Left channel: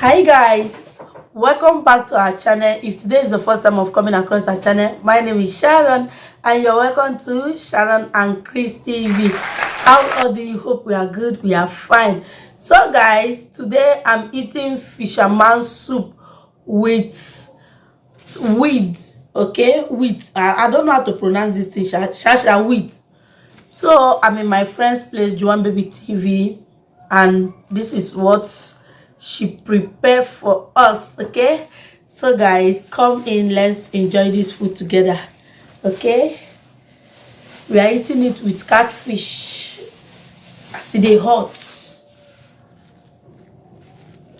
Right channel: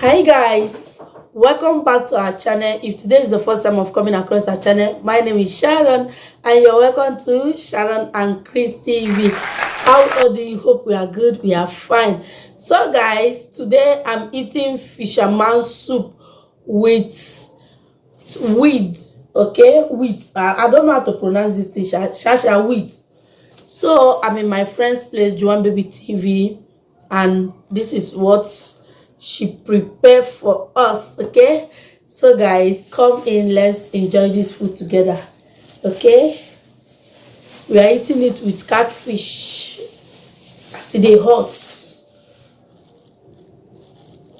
Hi guys, welcome back to our channel. If today is the first time of coming across our channel, my name is Sharon and you're welcome to Sharon and Chris TV. How do you? Hope we are good, we are fine. So guys, today I'm eating fisherman soup with wheat. Okay, wheat. I don't know how to pronounce this thing. Shasha wheat. So I'm in my friend's place, Joan Baby TV, and this is what she prepared for us. Okay, so guys, come in, let's enjoy this food together. Okay, we are eating it with catfish as they hot.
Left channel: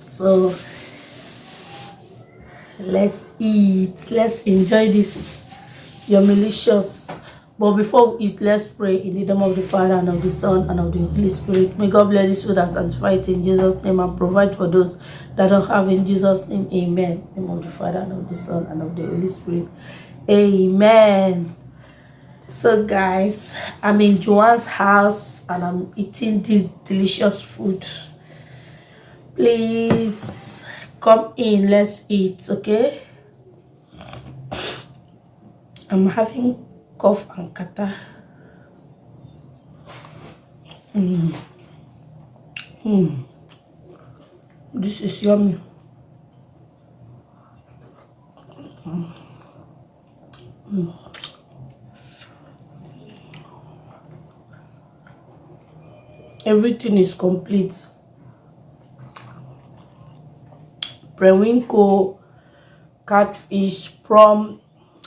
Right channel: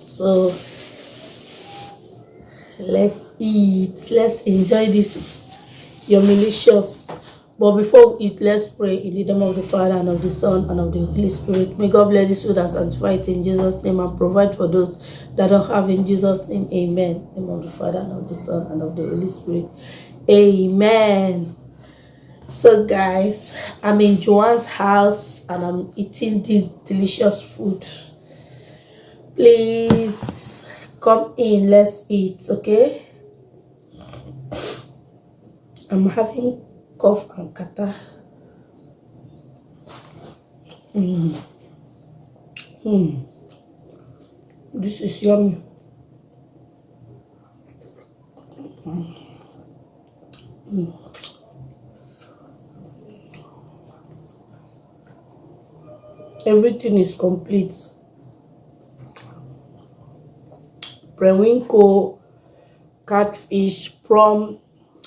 So let's eat, let's enjoy this yumilicious. But before we eat, let's pray in the name of the Father and of the Son and of the Holy Spirit. May God bless this food and sanctify it in Jesus' name and provide for those that don't have, in Jesus' name. Amen. In the name of the Father and of the Son and of the Holy Spirit. Amen. So guys, I'm in Joanne's house and I'm eating this delicious food. Please come in, let's eat. Okay, I'm having cough and catarrh. This is yummy. Everything is complete. Periwinkle, catfish, prawn,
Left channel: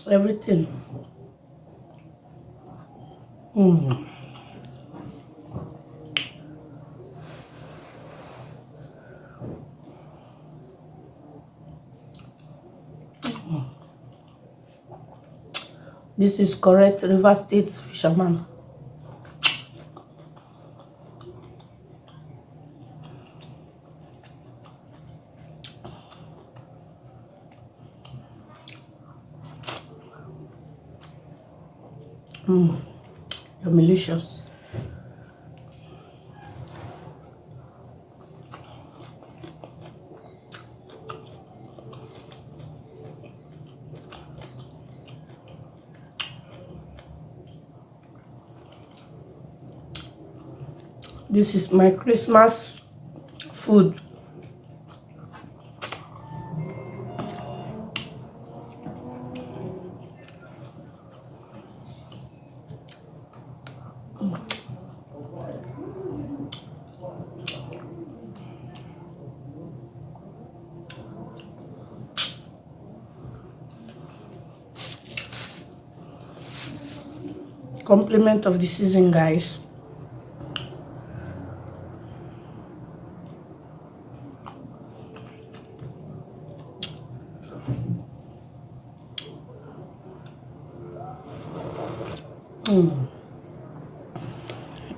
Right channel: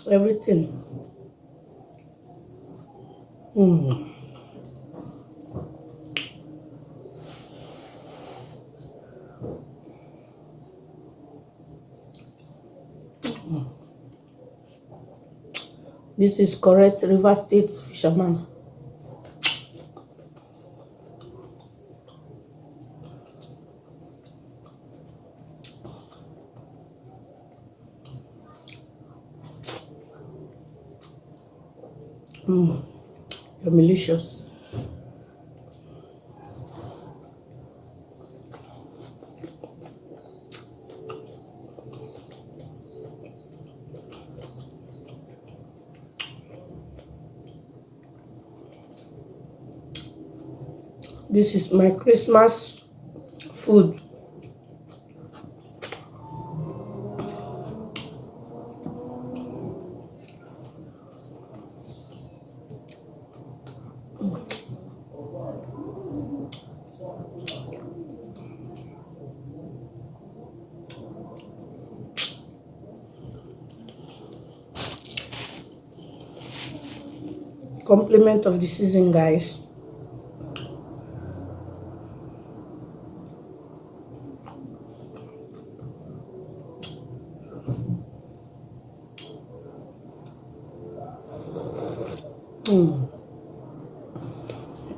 everything. This is correct River State fisherman. Delicious. This is my Christmas food. Compliment of the season, guys.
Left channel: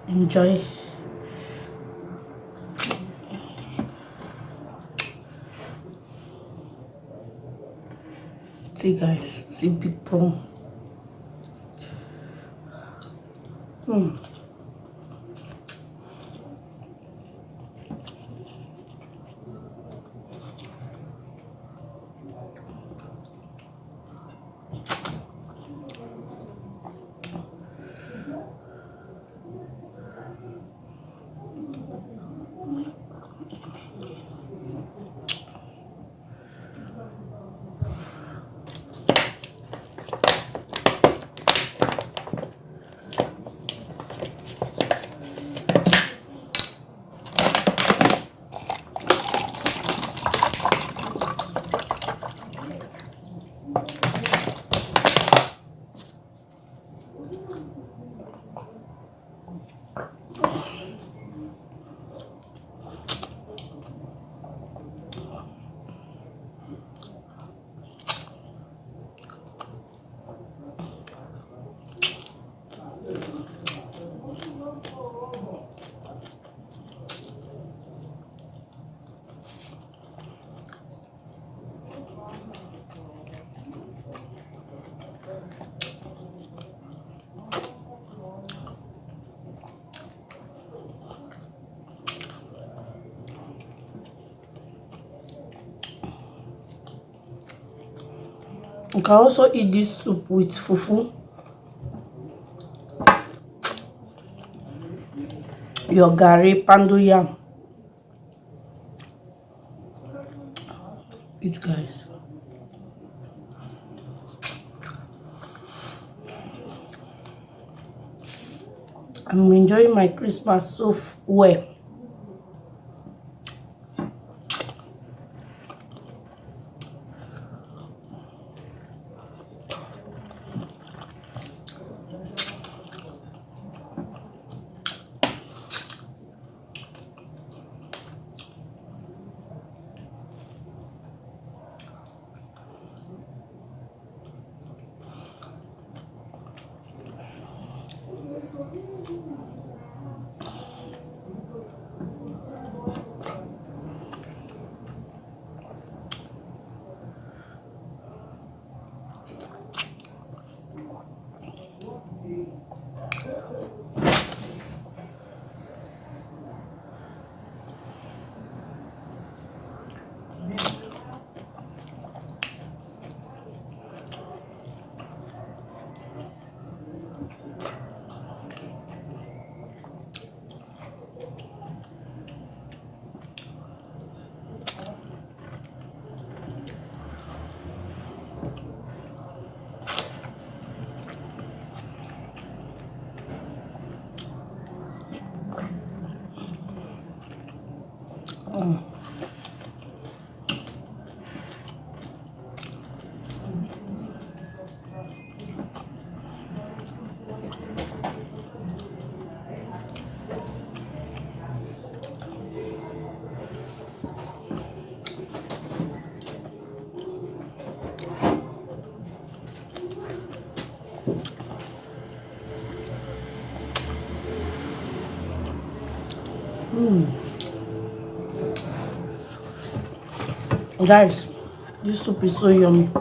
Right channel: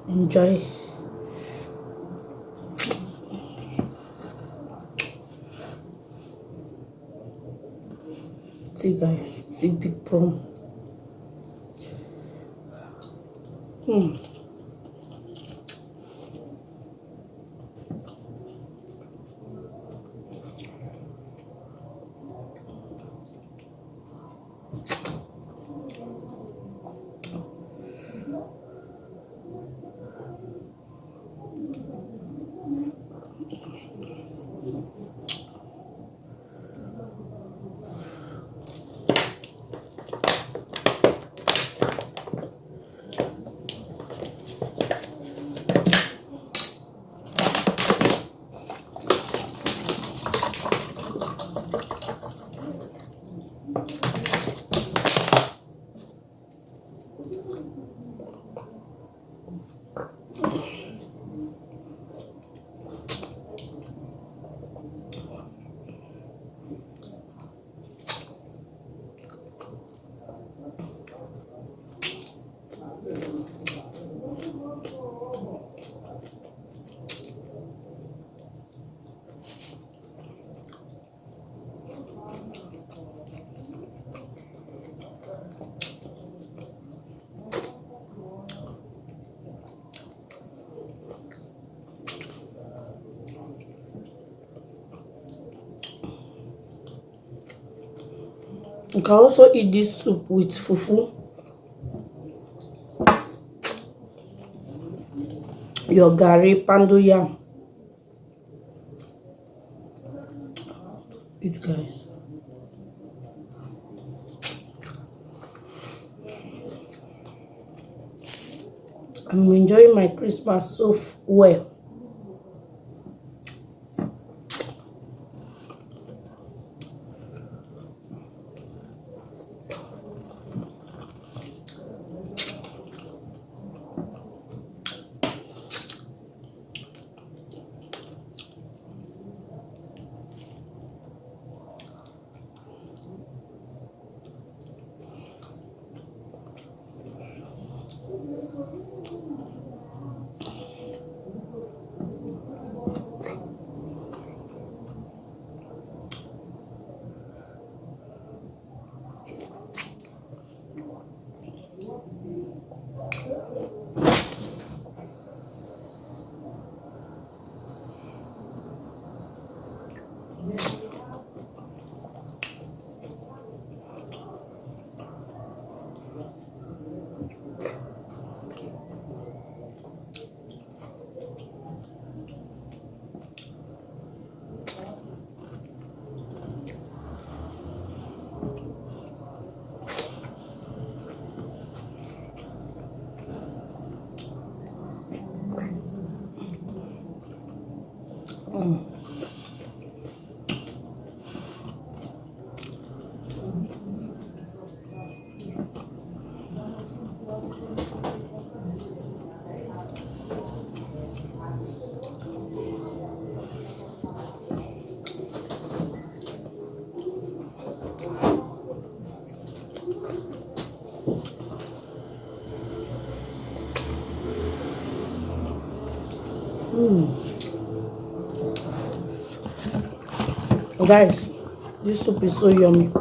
Enjoy. See guys, see big prawn. You can also eat this soup with fufu, your gari, pando yam. Eat, guys. I'm enjoying my Christmas so well. Guys, this soup is so yummy.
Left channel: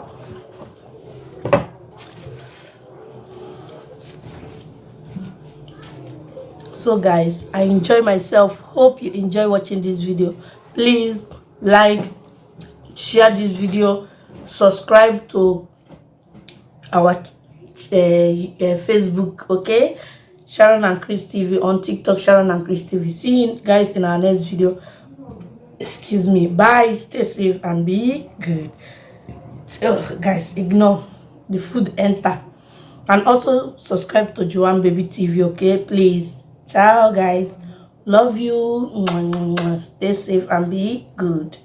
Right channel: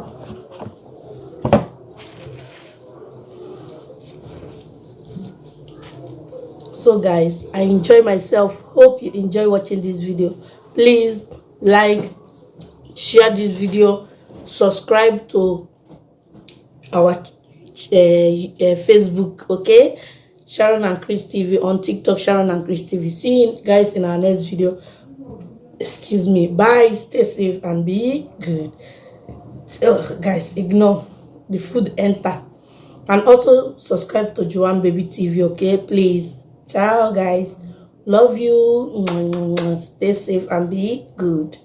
So guys, I enjoy myself. Hope you enjoy watching this video. Please like, share this video, subscribe to our Facebook, okay? Sharon and Chris TV. On TikTok, Sharon and Chris TV. See you guys in our next video. Excuse me. Bye. Stay safe and be good. Oh, guys, ignore the food enter. And also subscribe to Joanne Baby TV, okay? Please. Ciao, guys. Love you. Stay safe and be good.